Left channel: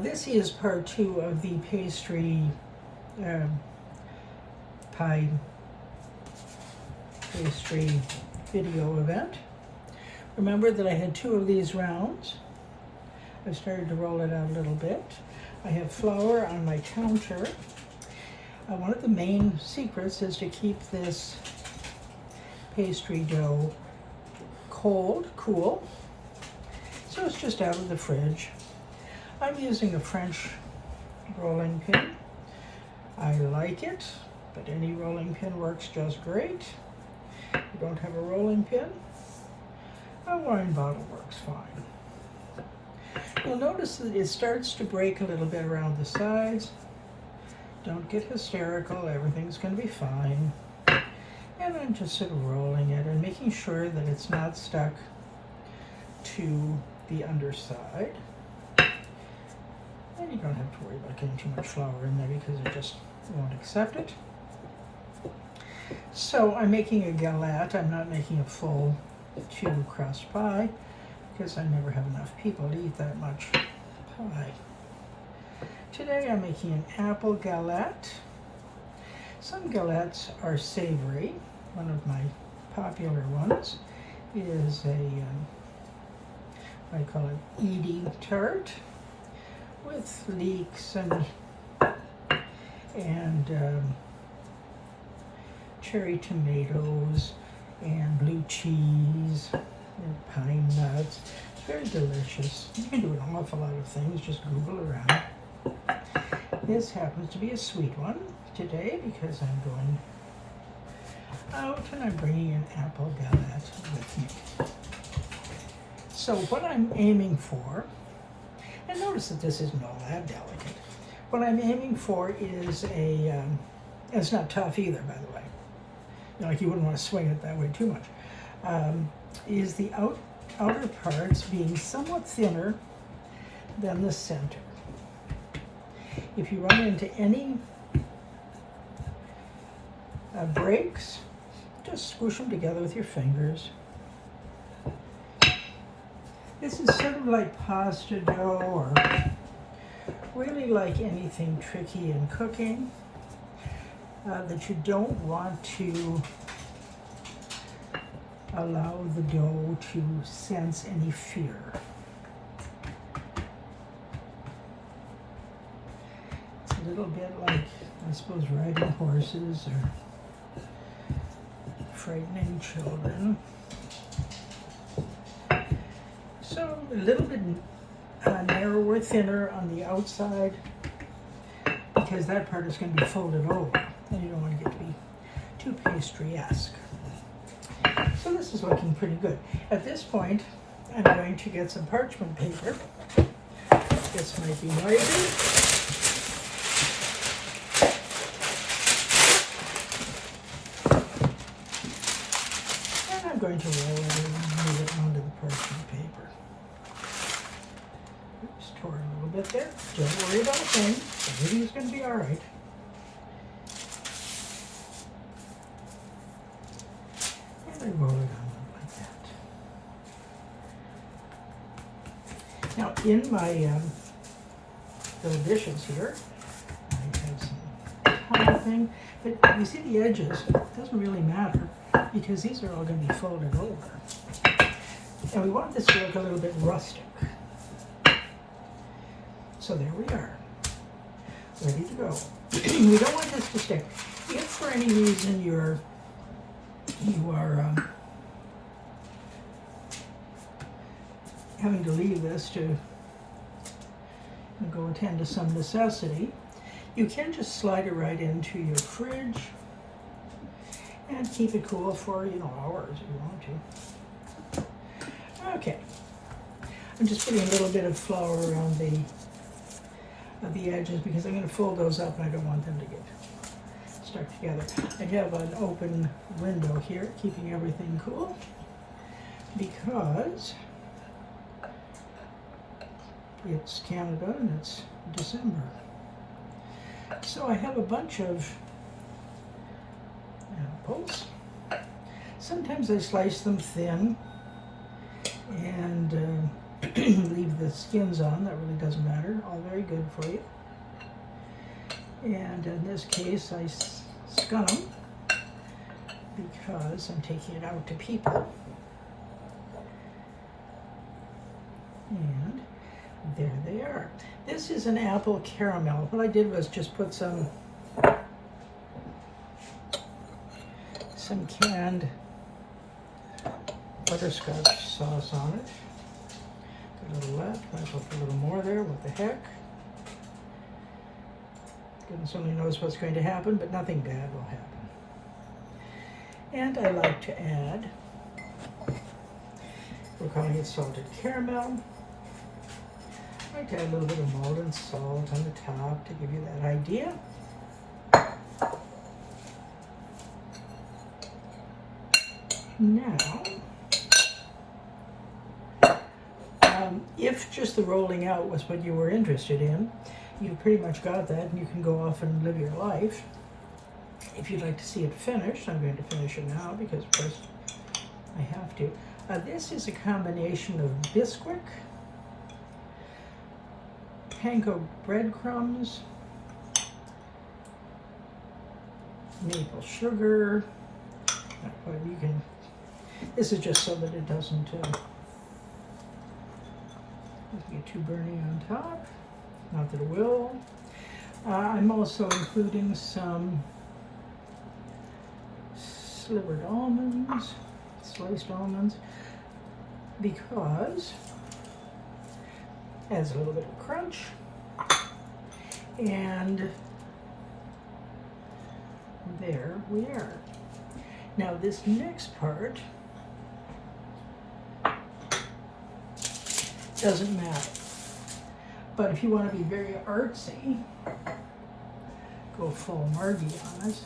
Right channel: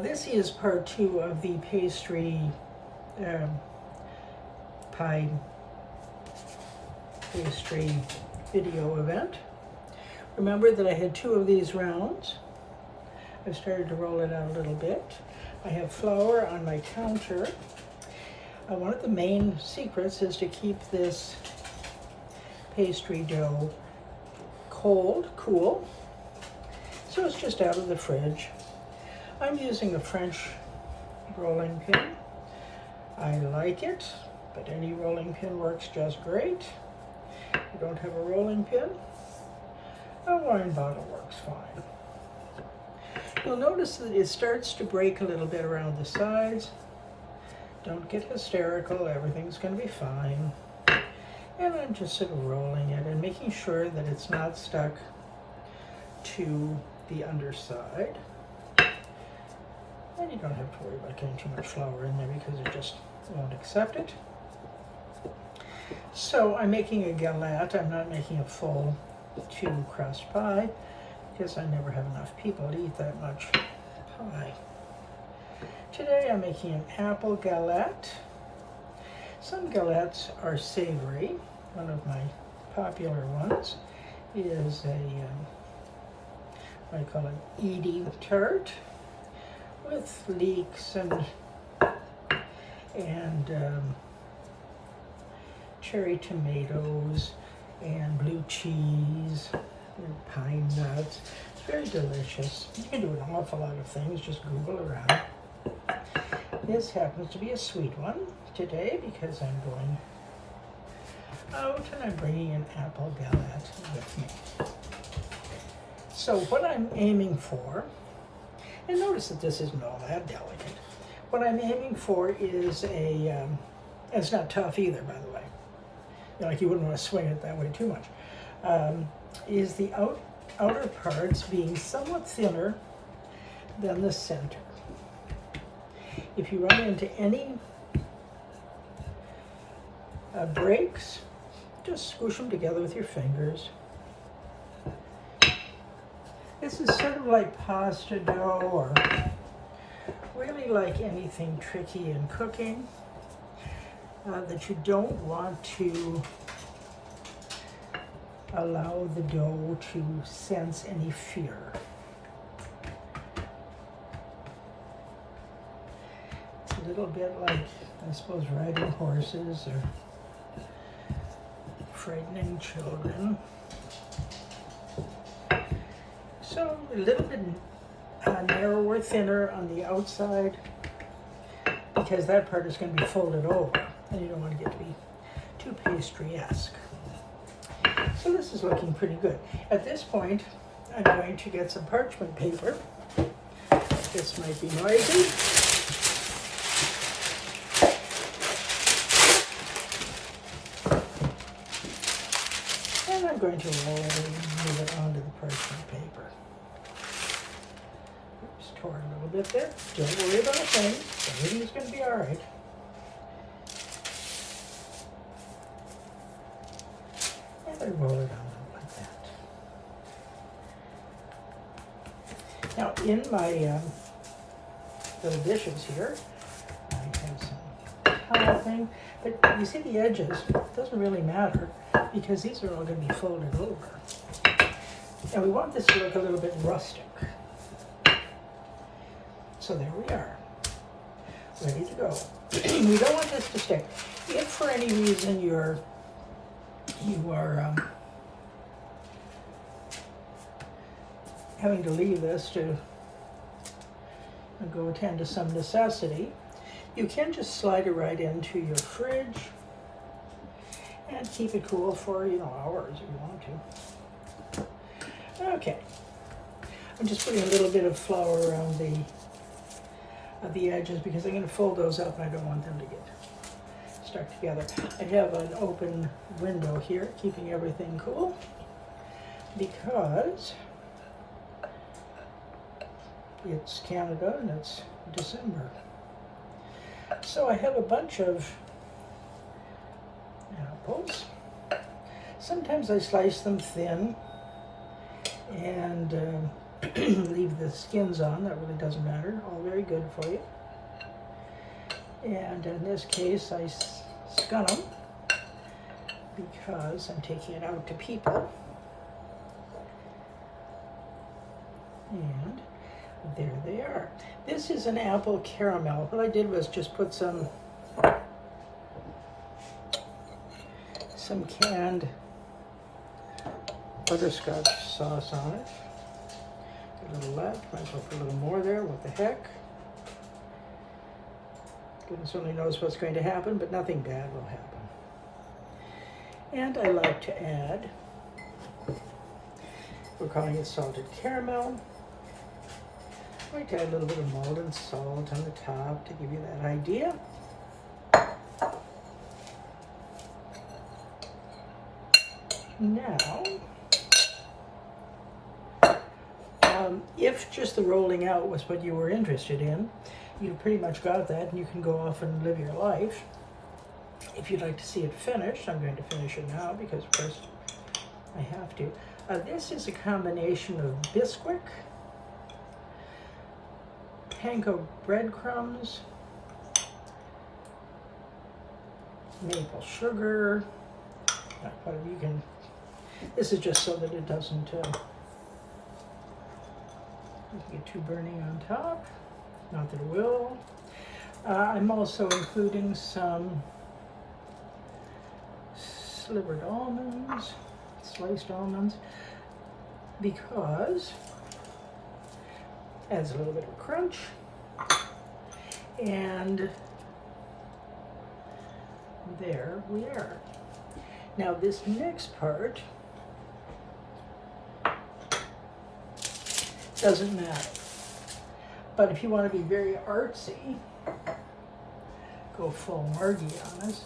This is part 2 of the pastry pie pastry video event. Remember that I had 2 of these rounds. I started to roll it out a little bit. I have flour on my counter. One of the main secrets is to keep this pastry dough cool, so it's just out of the fridge. I'm using a French rolling pin. I like it, but any rolling pin works just great. If you don't have a rolling pin, a wine bottle works fine. You'll notice that it starts to break a little bit around the sides. Don't get hysterical, everything's going to be fine. And I'm just sort of rolling it and making sure that it's not stuck to the underside. And you don't have to worry about getting too much flour in there because it just won't accept it. So I'm making a galette. I'm not making a full 2-crust pie because I never have enough people to eat that much pie. Today I'm making an apple galette. Some galettes are savory. One of my popular ones is a, what do I call it, Edie tart with leeks and cherry tomatoes and blue cheese and pine nuts. It's very delicious. You can do an awful lot of things, just Google around. This happens to be a sweet one today because I'm going out and I'm bringing an apple galette with me. So what I'm aiming for, and notice that this isn't all that delicate, what I'm aiming for is it's not tough either, by the way. Like you wouldn't want to swing it that way too much. Is the outer parts being somewhat thinner than the center. If you run into any breaks, just squish them together with your fingers. This is sort of like pasta dough or really like anything tricky in cooking that you don't want to allow the dough to sense any fear. A little bit like, I suppose, riding horses or frightening children. So a little bit narrower, thinner on the outside because that part is going to be folded over and you don't want to get to be too pastry-esque. So this is looking pretty good. At this point, I'm going to get some parchment paper. This might be noisy. I'm going to roll it onto the parchment paper. Oops, tore a little bit there. Don't worry about a thing. Everything's going to be all right. And I roll it on like that. Now, in my little dishes here, I have some tile thing. But you see the edges, it doesn't really matter, because these are all going to be folded over. And we want this to look a little bit rustic. So there we are, ready to go. We don't want this to stick. If for any reason you are having to leave this to go attend to some necessity, you can just slide it right into your fridge and keep it cool for, hours if you want to. Okay. I'm just putting a little bit of flour around the edges because I'm going to fold those up and I don't want them to get stuck together. I have an open window here keeping everything cool because it's Canada and it's December. So I have a bunch of apples. Sometimes I slice them thin and Leave the skins on, that really doesn't matter. All very good for you. And in this case, I scun them because I'm taking it out to people. And there they are. This is an apple caramel. What I did was just put some canned butterscotch sauce on it. A little left, might as well put a little more there, what the heck. Goodness only knows what's going to happen, but nothing bad will happen. And I like to add, we're calling it salted caramel. I like to add a little bit of molten salt on the top to give you that idea. Now, if just the rolling out was what you were interested in, you pretty much got that and you can go off and live your life. If you'd like to see it finished, I'm going to finish it now because of course I have to. This is a combination of Bisquick, panko breadcrumbs, maple sugar, whatever you can. This is just so that it doesn't get too burny on top. Not that it will. I'm also including some slivered almonds, sliced almonds, because it adds a little bit of crunch. And there we are. Now this next part doesn't matter. But if you want to be very artsy, go full Margie on it.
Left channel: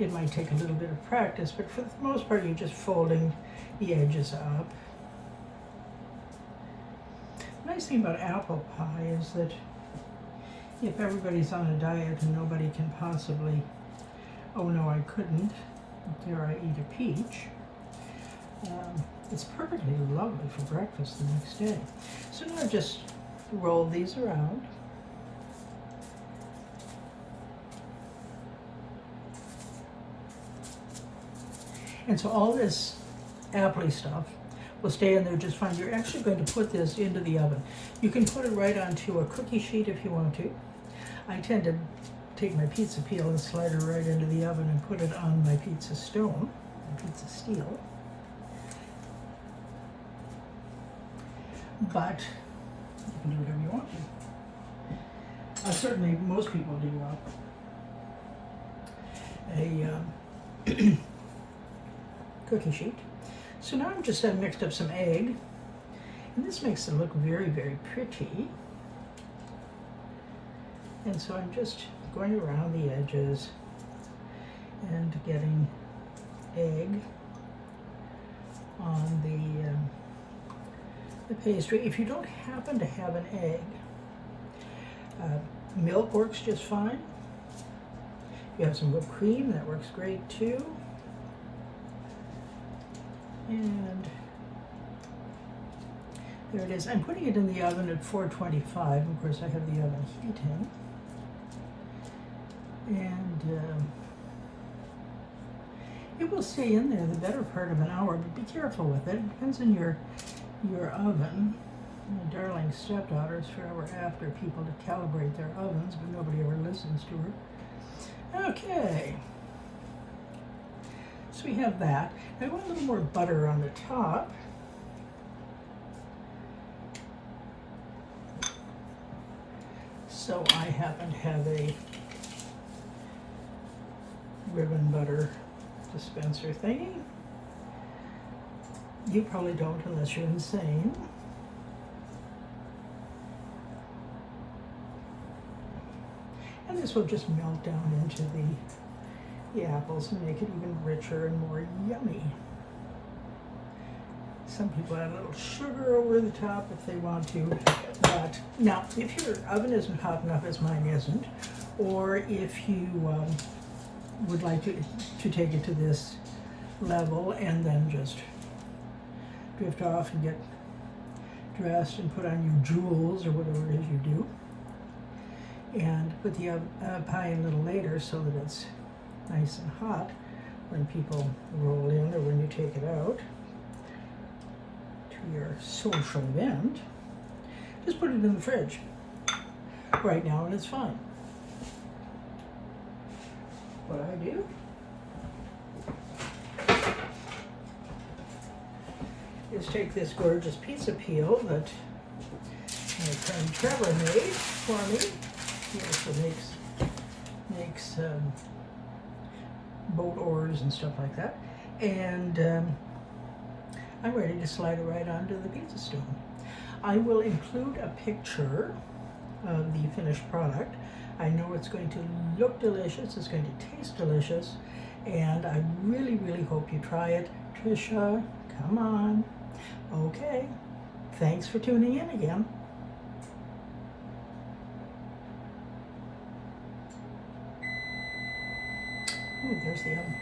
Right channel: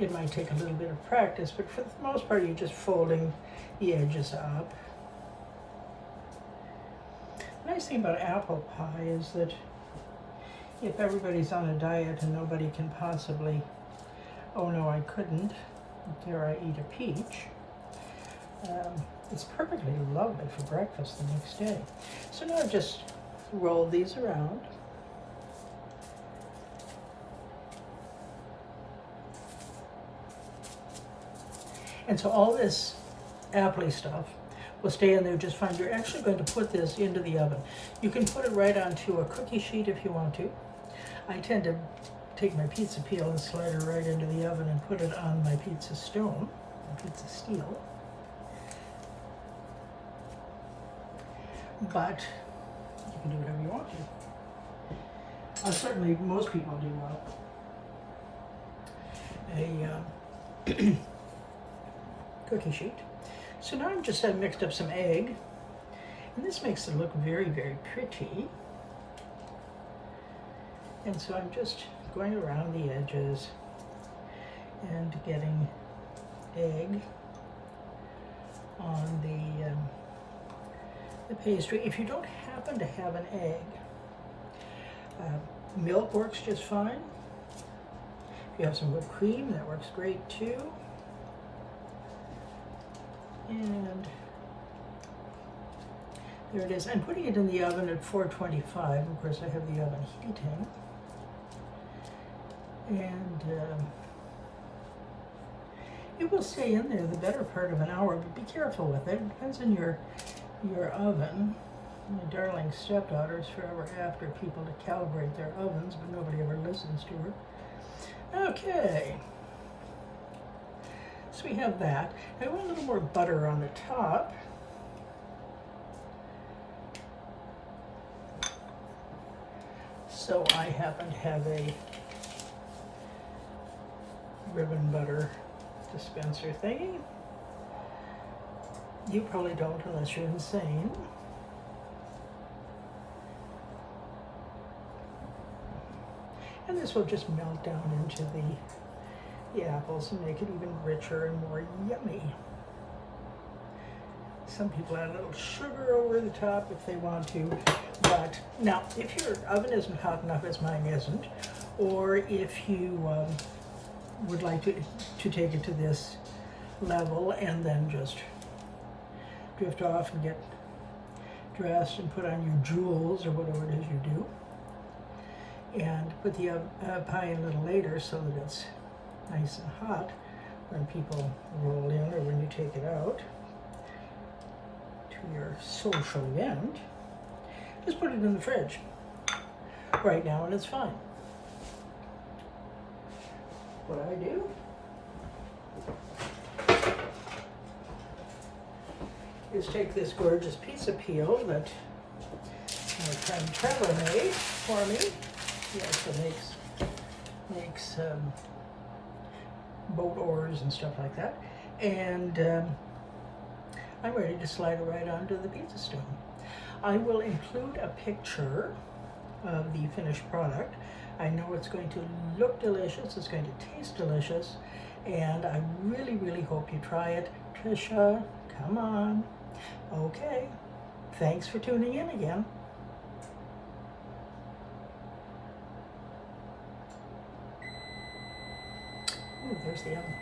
It might take a little bit of practice, but for the most part, you're just folding the edges up. The nice thing about apple pie is that if everybody's on a diet and nobody can possibly, oh no, I couldn't, dare I eat a peach, it's perfectly lovely for breakfast the next day. So now just roll these around. And so all this appley stuff will stay in there just fine. You're actually going to put this into the oven. You can put it right onto a cookie sheet if you want to. I tend to take my pizza peel and slide it right into the oven and put it on my pizza stone, pizza steel. But you can do whatever you want to. Certainly, most people do a cookie sheet. So now I'm just mixed up some egg, and this makes it look very, very pretty. And so I'm just going around the edges and getting egg on the pastry. If you don't happen to have an egg, milk works just fine. If you have some whipped cream, that works great too. And there it is. I'm putting it in the oven at 425. Of course, I have the oven heating. And it will stay in there the better part of an hour, but be careful with it. It depends on your oven. My darling stepdaughter's forever after people to calibrate their ovens, but nobody ever listens to her. Okay. So we have that. I want a little more butter on the top. So I happen to have a ribbon butter dispenser thingy. You probably don't unless you're insane. And this will just melt down into the apples and make it even richer and more yummy. Some people add a little sugar over the top if they want to, but now if your oven isn't hot enough, as mine isn't, or if you would like to take it to this level and then just drift off and get dressed and put on your jewels or whatever it is you do. And put the pie in a little later so that it's nice and hot when people roll in or when you take it out to your social event. Just put it in the fridge right now and it's fine. What I do is take this gorgeous pizza peel that my friend Trevor made for me. He also makes boat oars and stuff like that. And I'm ready to slide it right onto the pizza stone. I will include a picture of the finished product. I know it's going to look delicious, it's going to taste delicious, and I really, really hope you try it. Trisha, come on. Okay, thanks for tuning in again. Oh, there's the oven.